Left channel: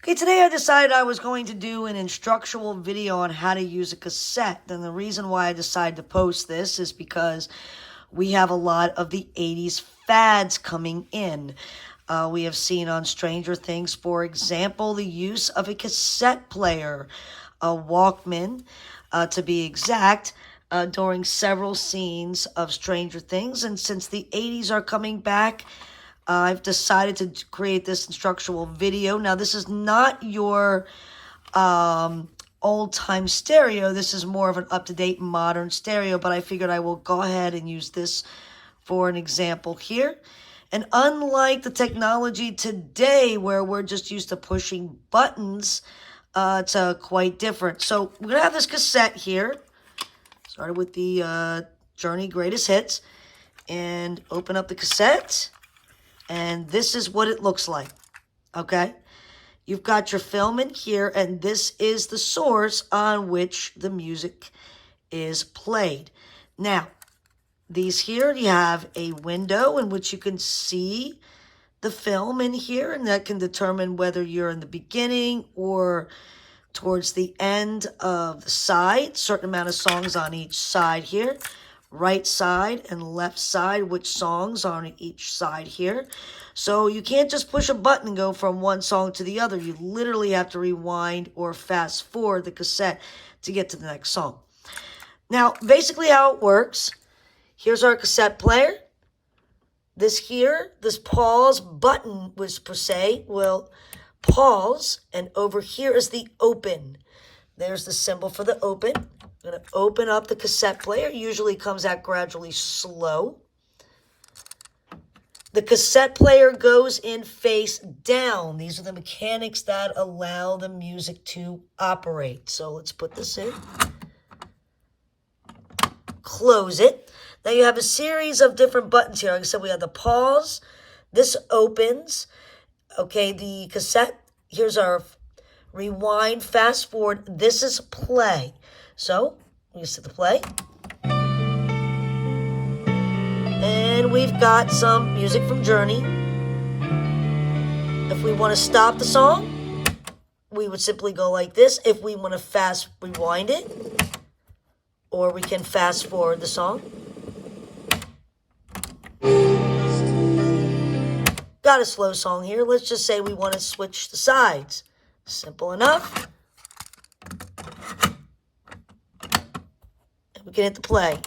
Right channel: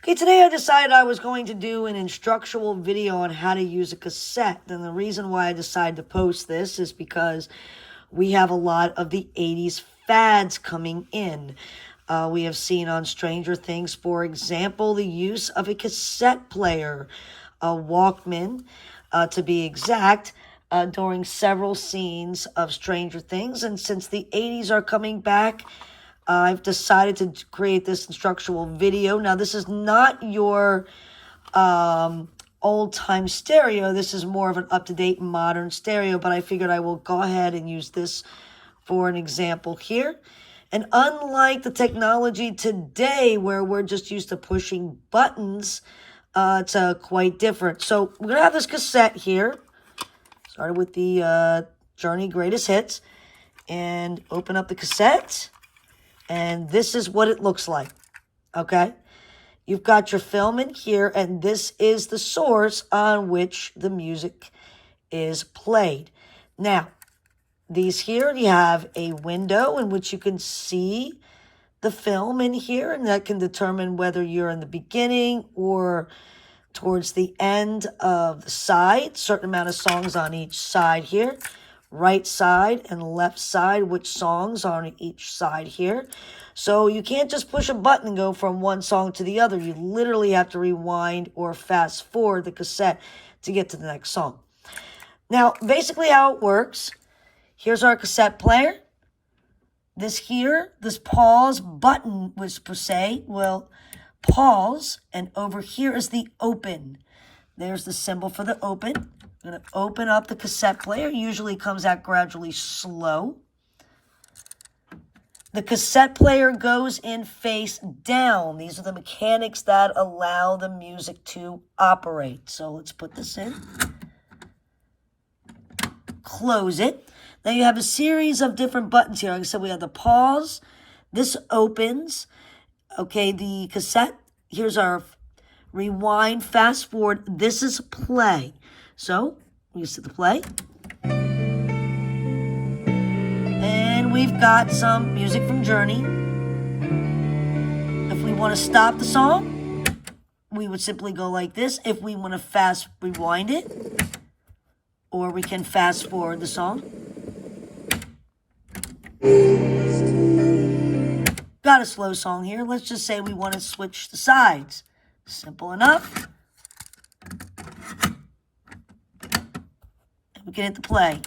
Okay, today I decided I was going to do an instructional video on how to use a cassette. And the reason why I decided to post this is because we have a lot of the 80s fads coming in. We have seen on Stranger Things, for example, the use of a cassette player, a Walkman, to be exact, during several scenes of Stranger Things. And since the 80s are coming back, I've decided to create this instructional video. Now, this is not your old-time stereo. This is more of an up-to-date modern stereo, but I figured I will go ahead and use this for an example here. And unlike the technology today where we're just used to pushing buttons, it's quite different. So we're going to have this cassette here. Started with the Journey Greatest Hits. And open up the cassette. And this is what it looks like, okay? You've got your film in here, and this is the source on which the music is played. Now, these here, you have a window in which you can see the film in here, and that can determine whether you're in the beginning or towards the end of the side. Certain amount of songs on each side here. Right side and left side, which songs are on each side here. So you can't just push a button and go from one song to the other. You literally have to rewind or fast forward the cassette to get to the next song. Now, basically how it works, here's our cassette player. This pause button, which per se will pause, and over here is the open. There's the symbol for the open. I'm going to open up the cassette player. Usually comes out gradually slow. The cassette player goes in face down. These are the mechanics that allow the music to operate. So let's put this in. Close it. Now you have a series of different buttons here. Like I said, we have the pause. This opens. Okay, the cassette. Here's our rewind, fast forward. This is play. So, we see the play. And we've got some music from Journey. If we want to stop the song, we would simply go like this. If we want to fast rewind it, or we can fast forward the song. Got a slow song here. Let's just say we want to switch the sides. Simple enough. We can hit the play.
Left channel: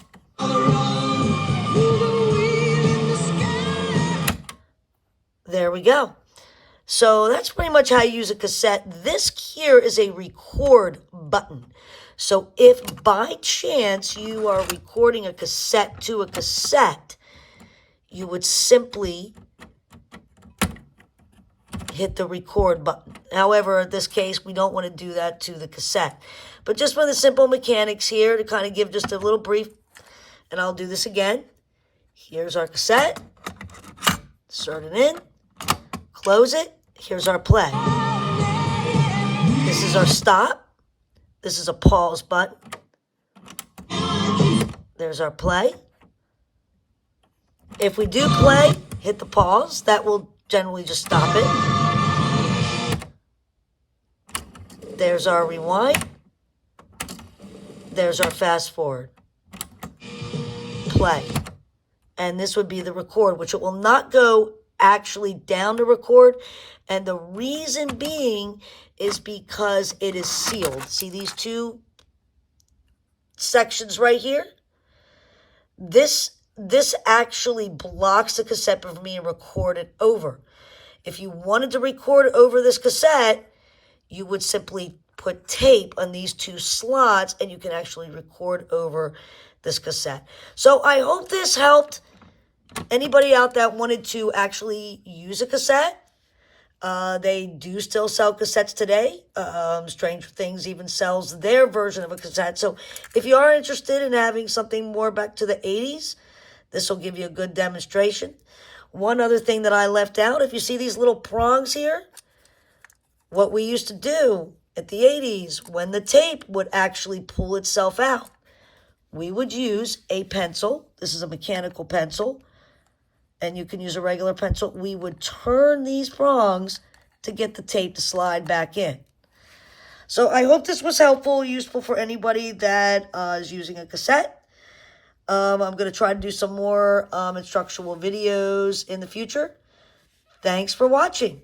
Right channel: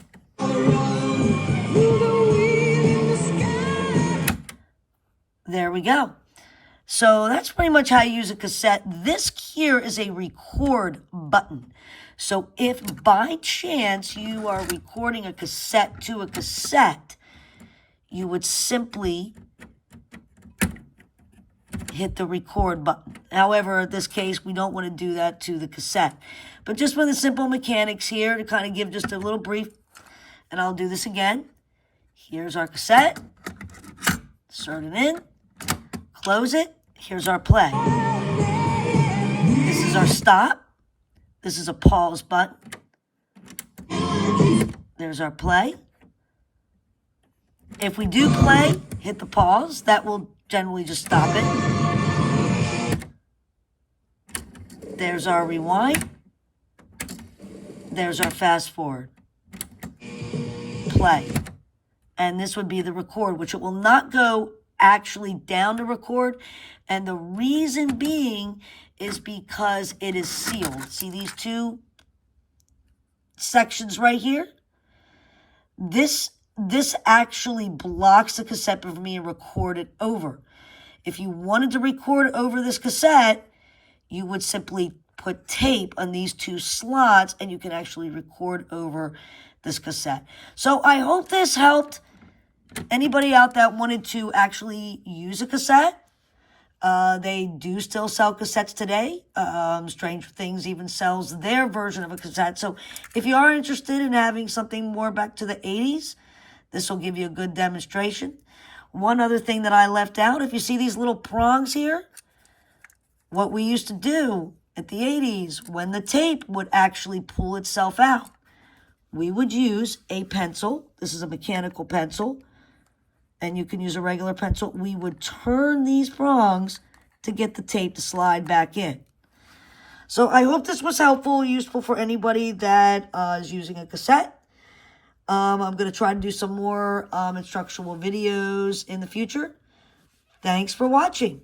There we go. So that's pretty much how you use a cassette. This here is a record button. So if by chance you are recording a cassette to a cassette, you would simply hit the record button. However, in this case, we don't want to do that to the cassette. But just for the simple mechanics here to kind of give just a little brief, and I'll do this again. Here's our cassette. Insert it in. Close it. Here's our play. This is our stop. This is a pause button. There's our play. If we do play, hit the pause. That will generally just stop it. There's our rewind. There's our fast forward. Play. And this would be the record, which it will not go actually down to record. And the reason being is because it is sealed. See these two sections right here? This actually blocks the cassette from being recorded over. If you wanted to record over this cassette, you would simply put tape on these two slots and you can actually record over this cassette. So I hope this helped anybody out that wanted to actually use a cassette. They do still sell cassettes today. Stranger Things even sells their version of a cassette. So if you are interested in having something more back to the 80s, this will give you a good demonstration. One other thing that I left out, if you see these little prongs here, what we used to do at the 80s when the tape would actually pull itself out, we would use a pencil. This is a mechanical pencil, and you can use a regular pencil. We would turn these prongs to get the tape to slide back in. So I hope this was helpful, useful for anybody that is using a cassette. I'm going to try to do some more instructional videos in the future. Thanks for watching.